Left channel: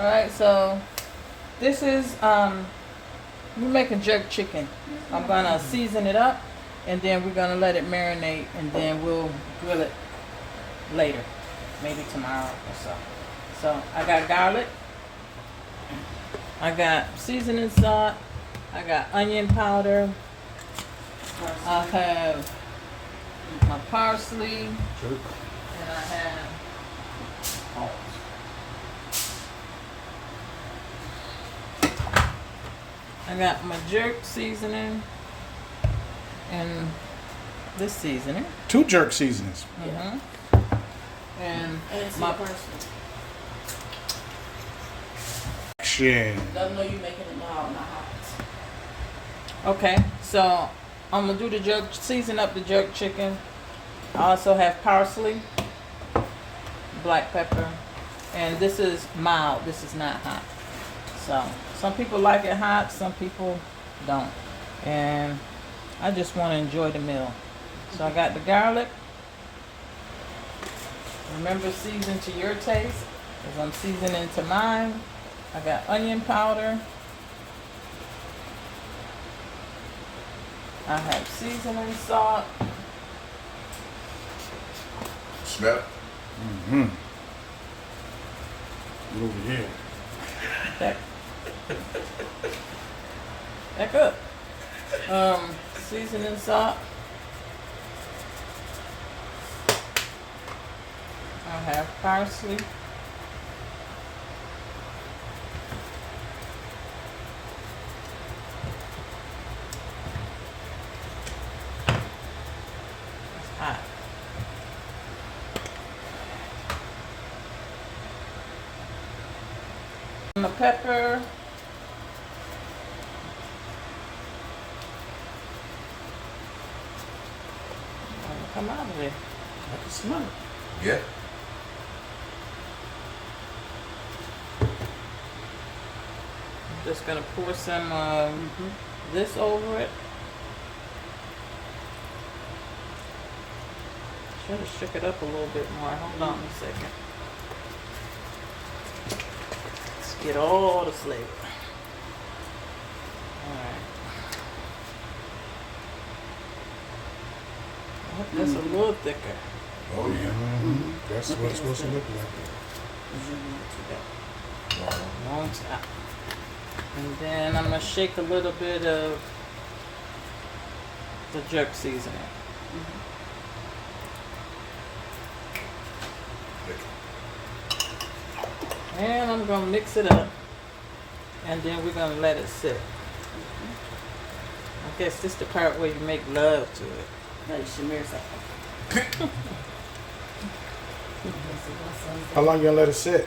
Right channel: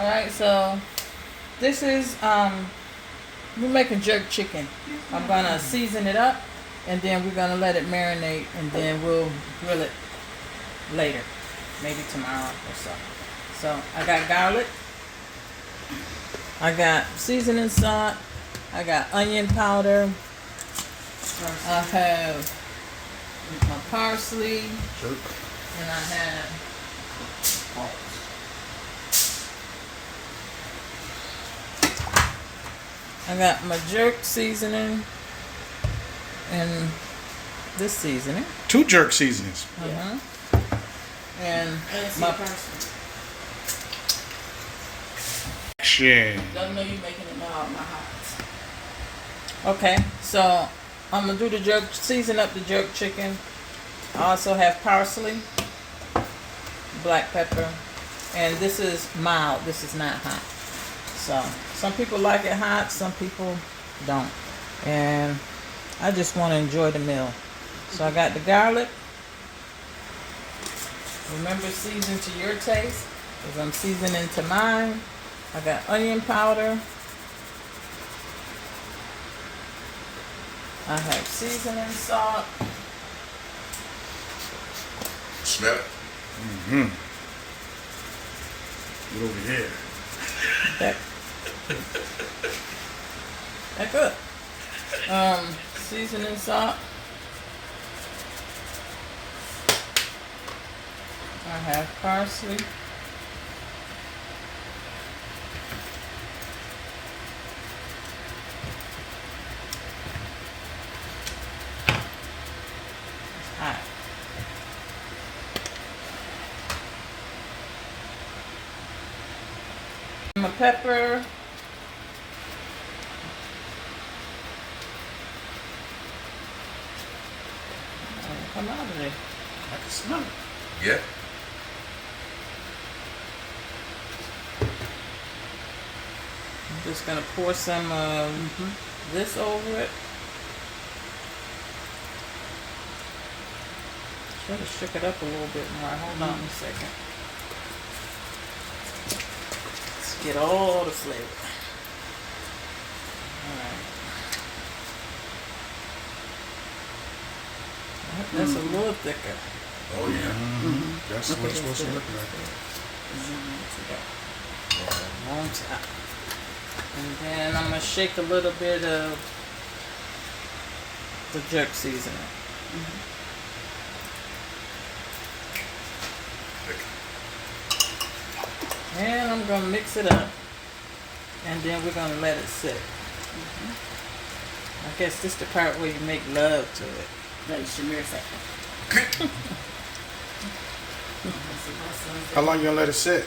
Alright, so this is we're making jerk chicken. I'm gonna season it up and then we're gonna let it marinate and then we'll grill it later. Maybe tomorrow or so. So I got garlic, I got seasoning salt, I got onion powder, I have my parsley, and I have I got my jerk seasoning and this seasoning. 2 jerk seasonings. And my Action. Let them know you're making it now at my house. Okay, so I'm gonna do the jerk, season up the jerk chicken. I also have parsley, black pepper, and this is mild. This is not hot. So some people like it hot, some people don't, and I just want to enjoy the meal. So I got the garlic. Remember, season to your taste, because I'm seasoning to mine. I got onion powder. I have seasoning salt. Smell it. Get over here. That good. Seasoning salt. I have parsley. It's hot. My pepper. Come out of there. I can smell it. Yeah. I'm just gonna pour some this over it. Try to shook it up a little bit more. Hold on a second. Let's get all the flavor. Alright. That's a little thicker. Oh yeah. That's what it's supposed to look like. Long top. And then I'm gonna shake a little bit of the jerk seasoning. And I'm gonna mix it up. And then we're gonna let it sit. I guess this is the part where you make love to it. Like Shamir said. How long you gonna let it sit?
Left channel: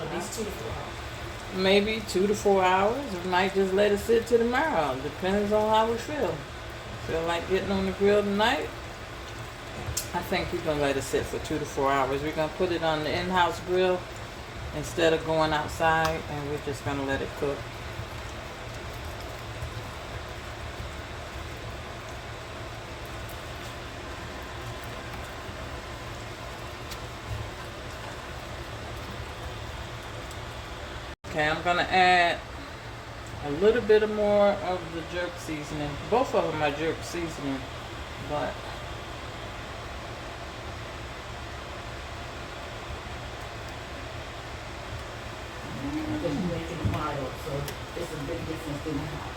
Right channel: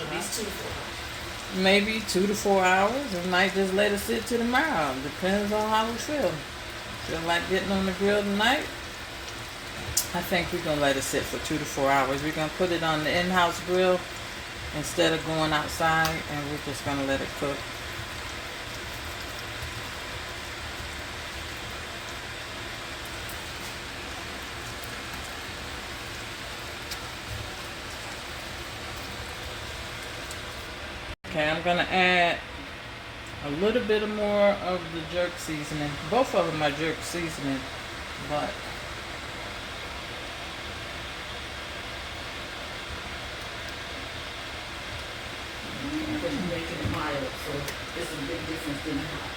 At least 2 to 4 hours. Maybe 2 to 4 hours. I might just let it sit till tomorrow. Depends on how we feel. Feel like getting on the grill tonight? I think we're gonna let it sit for 2 to 4 hours. We're gonna put it on the in-house grill instead of going outside, and we're just gonna let it cook. Okay, I'm gonna add a little bit more of the jerk seasoning. Both of them are jerk seasoning, but Because you're making it mild, so it's a big difference in the house.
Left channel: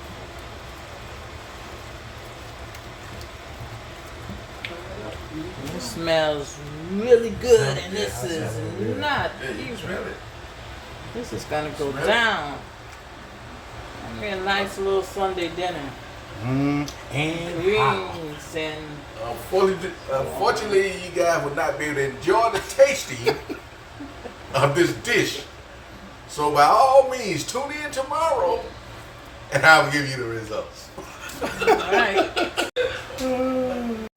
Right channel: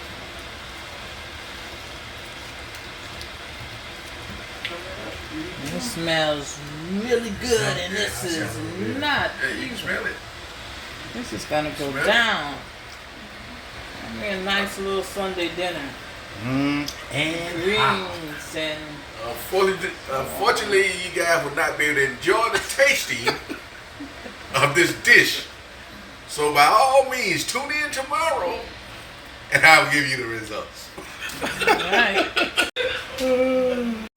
it smells really good, and this is not. Yeah, you can smell it. This is gonna go Smell it. down. I mean, a nice little Sunday dinner. And hot. Greens and Unfortunately, you guys will not be able to enjoy the tasting of this dish. So by all means, tune in tomorrow, and I'll give you the results. Alright.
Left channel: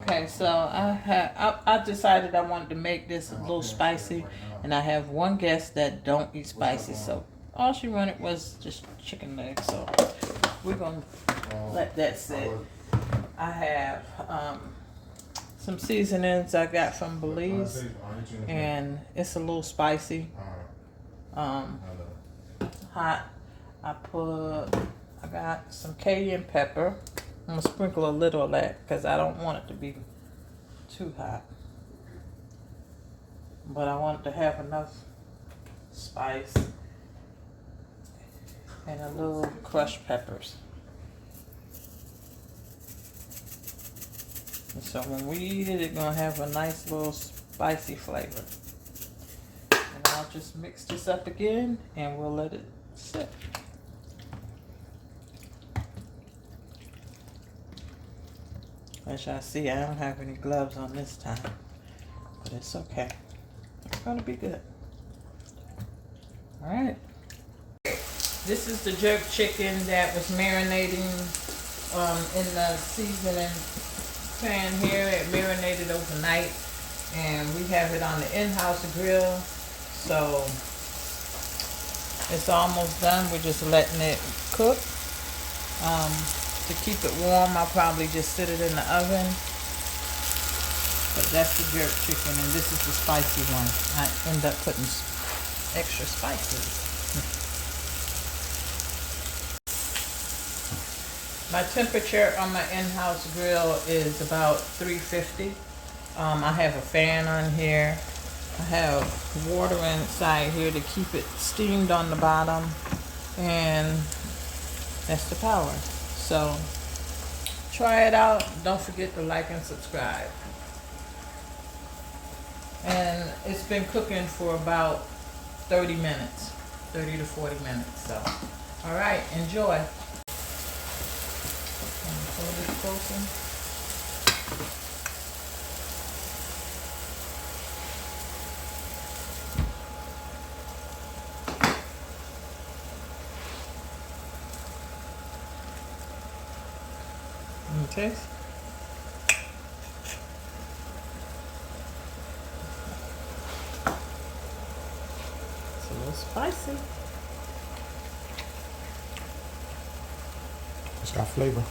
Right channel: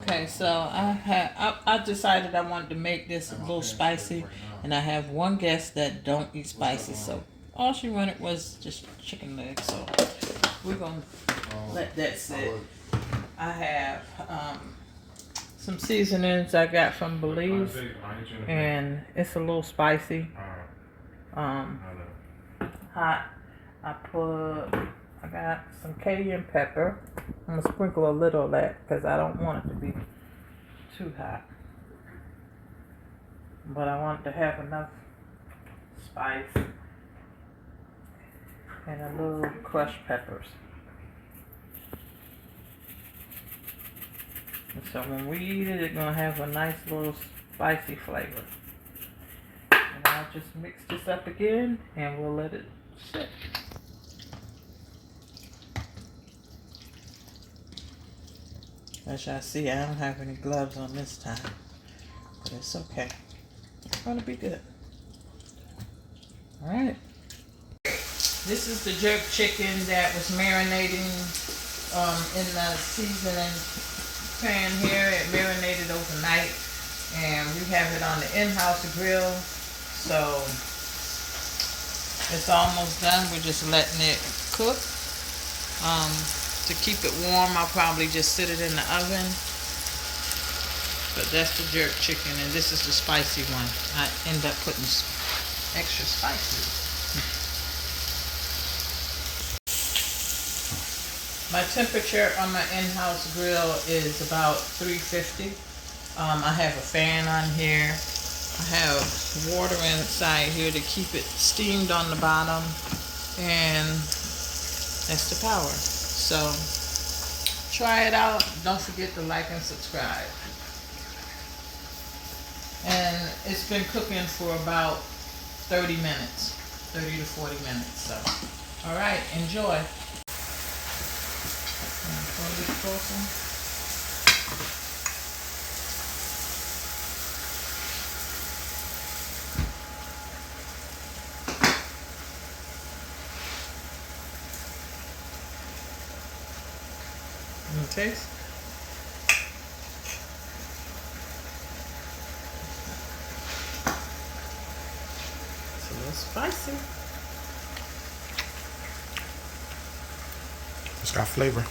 Okay, so I decided I wanted to make this a little spicy, and I have one guest that don't eat spicy, so all she wanted was just chicken legs. So we're gonna let that sit. I have some seasonings I got from Belize, and it's a little spicy. hot. I got some cayenne pepper. I'm gonna sprinkle a little of that because I don't want it to be too hot. But I want it to have enough spice and a little crushed peppers. And so when we eat it, it's gonna have a nice little spicy flavor. And I'll just mix this up again and we'll let it sit. As y'all see, I don't have any gloves on this time, but it's okay. It's gonna be good. All right. This is the jerk chicken that was marinating in the seasoning pan here. It marinated overnight, and we have it on the Inhouse grill. So it's almost done. We're just letting it cook. To keep it warm, I'll probably just sit it in the oven. But that's the jerk chicken, and this is the spicy one. I end up putting extra spices. My temperature on my in-house grill is about 350. I have a fan on here. I have water inside here to keep it steamed on the bottom, and that's the power. So try it out. Don't forget to like and subscribe. And it's been cooking for about 30 minutes, 30 to 40 minutes. So, all right, enjoy. Okay. It's a little spicy. It's got flavor.